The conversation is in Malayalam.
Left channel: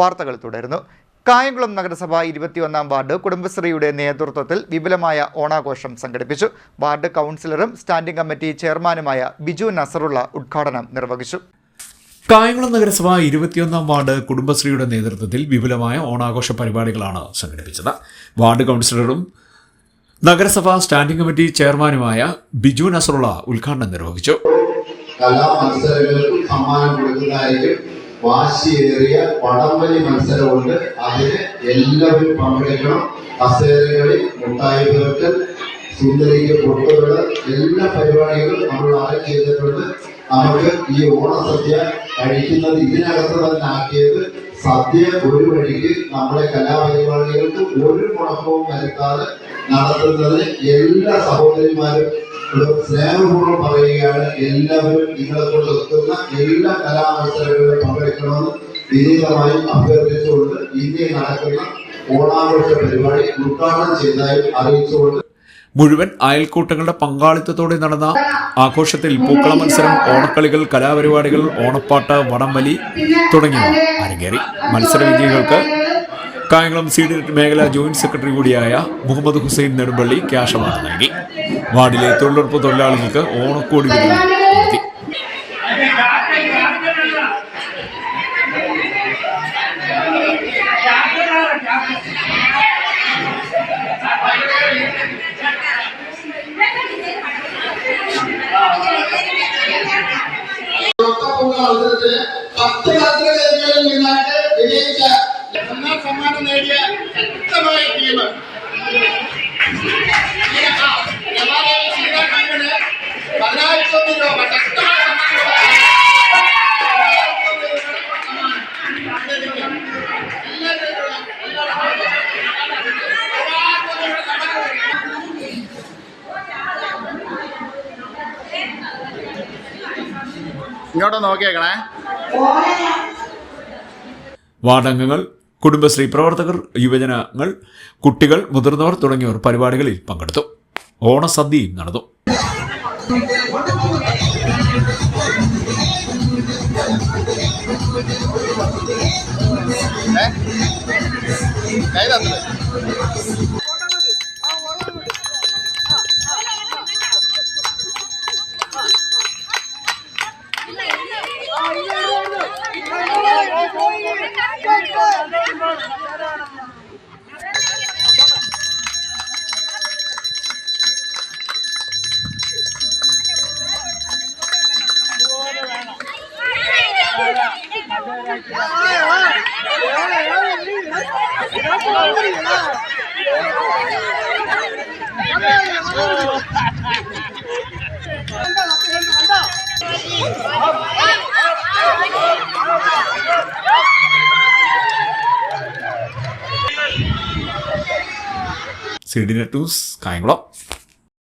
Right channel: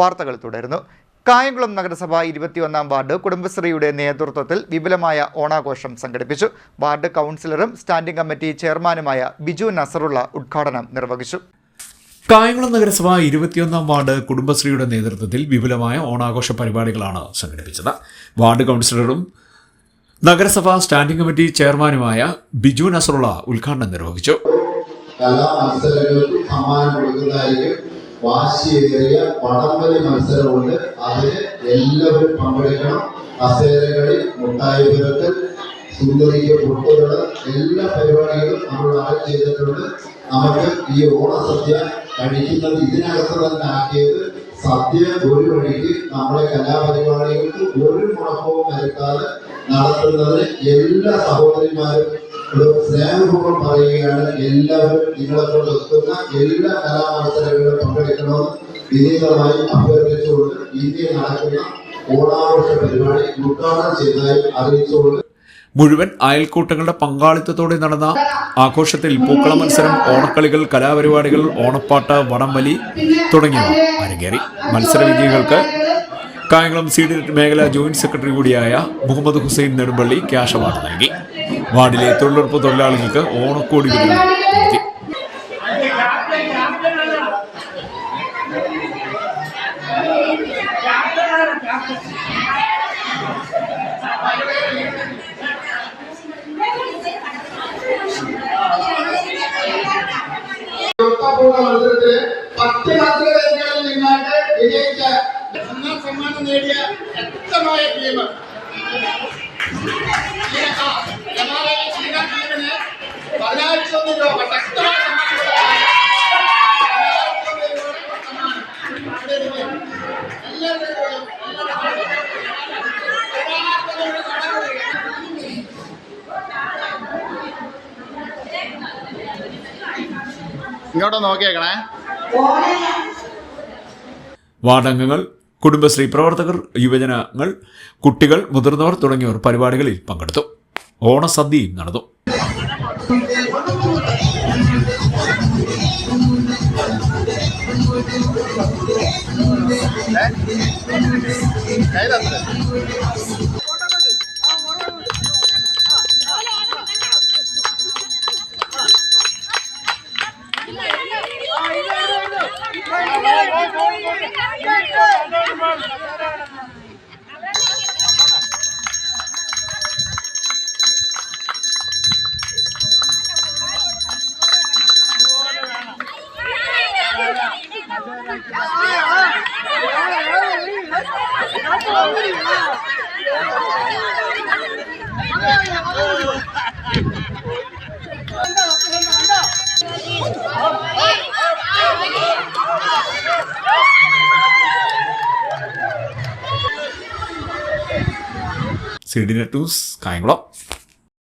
വാർത്തകൾ തുടരുന്നു. കായംകുളം നഗരസഭ 21-ാം വാർഡ് കുടുംബശ്രീയുടെ നേതൃത്വത്തിൽ വിപുലമായ ഓണാഘോഷം സംഘടിപ്പിച്ചു. വാർഡ് കൗൺസിലറും സ്റ്റാൻഡിംഗ് കമ്മിറ്റി ചെയർമാനുമായ ബിജു നസറുള്ള ഉദ്ഘാടനം നിർവഹിച്ചു. കായംകുളം നഗരസഭ 21-ാം വാർഡ് കുടുംബശ്രീയുടെ നേതൃത്വത്തിൽ വിപുലമായ ഓണാഘോഷ പരിപാടികളാണ് സംഘടിപ്പിച്ചത്. വാർഡ് കൗൺസിലറും നഗരസഭ സ്റ്റാൻഡിംഗ് കമ്മിറ്റി ചെയർമാനുമായ ബിജു നസറുള്ള ഉദ്ഘാടനം നിർവഹിച്ചു. കലാമത്സരങ്ങൾക്ക് സമ്മാനം കൊടുക്കുന്നതായിരിക്കും. വാശിയേറിയ വടംവലി മത്സരമുണ്ട്. അതിന് എല്ലാവരും പങ്കെടുക്കണം. കസേരകളി, മുട്ടായി പെറുക്കൽ, സുന്ദരിക്ക് പൊട്ടുകൾ, എല്ലാ പരിപാടികളും നമ്മൾ അറേഞ്ച് ചെയ്തിട്ടുണ്ട്. നമുക്ക് ഈ ഓണസദ്യ കഴിക്കുന്നത് ഇതിനകത്ത് തന്നെ ആക്കിയത് സദ്യ ഒരു വഴിക്ക് നമ്മുടെ കലാപരിപാടികൾക്ക് ഒരു മുടക്കവും വരുത്താതെ നടത്തുന്നതിന് എല്ലാ സഹോദരിമാരും സ്നേഹപൂർവ്വം പറയുകയാണ്. എല്ലാവരും നിങ്ങളെ കൊണ്ട് എത്തുന്ന എല്ലാ കലാമത്സരങ്ങളിലും പങ്കെടുക്കണമെന്ന് വിനീതമായി അഭ്യർത്ഥിച്ചുകൊണ്ട് ഇനി നടക്കുന്ന ഓണാഘോഷ പരിപാടി ഉദ്ഘാടനം ചെയ്തതായി അറിയിച്ചുകൊണ്ട് മുഴുവൻ അയൽക്കൂട്ടങ്ങളുടെ പങ്കാളിത്തത്തോടെ നടന്ന ആഘോഷത്തിൽ പൂക്കള മത്സരം, ഓണക്കളികൾ, കലാപരിപാടികൾ, ഓണപ്പാട്ട്, വടംവലി തുടങ്ങിയവ അരങ്ങേറി. മത്സര വിജയികൾക്ക് കായംകുളം സീഡിനെറ്റ് മേഖലാ ജോയിന്റ് സെക്രട്ടറി കൂടിയായ മുഹമ്മദ് ഹുസൈൻ നെടുമ്പള്ളി ക്യാഷ് അവാർഡ് നൽകി. വാർഡിലെ തൊഴിലുറപ്പ് തൊഴിലാളികൾക്ക് ഓണക്കോടി വിതരണം നടത്തി. സമ്മാനം നേടിയ ശക്തമായ ടീം രൂപ ശക്തമായ ഇങ്ങോട്ട് നോക്കിയേക്കണേ. വാർഡംഗങ്ങൾ, കുടുംബശ്രീ പ്രവർത്തകർ, യുവജനങ്ങൾ, കുട്ടികൾ, മുതിർന്നവർ തുടങ്ങിയവർ പരിപാടികളിൽ പങ്കെടുത്തു. ഓണസദ്യയും നടന്നു. സീഡിനെറ്റ് ന്യൂസ് കായംകുളം.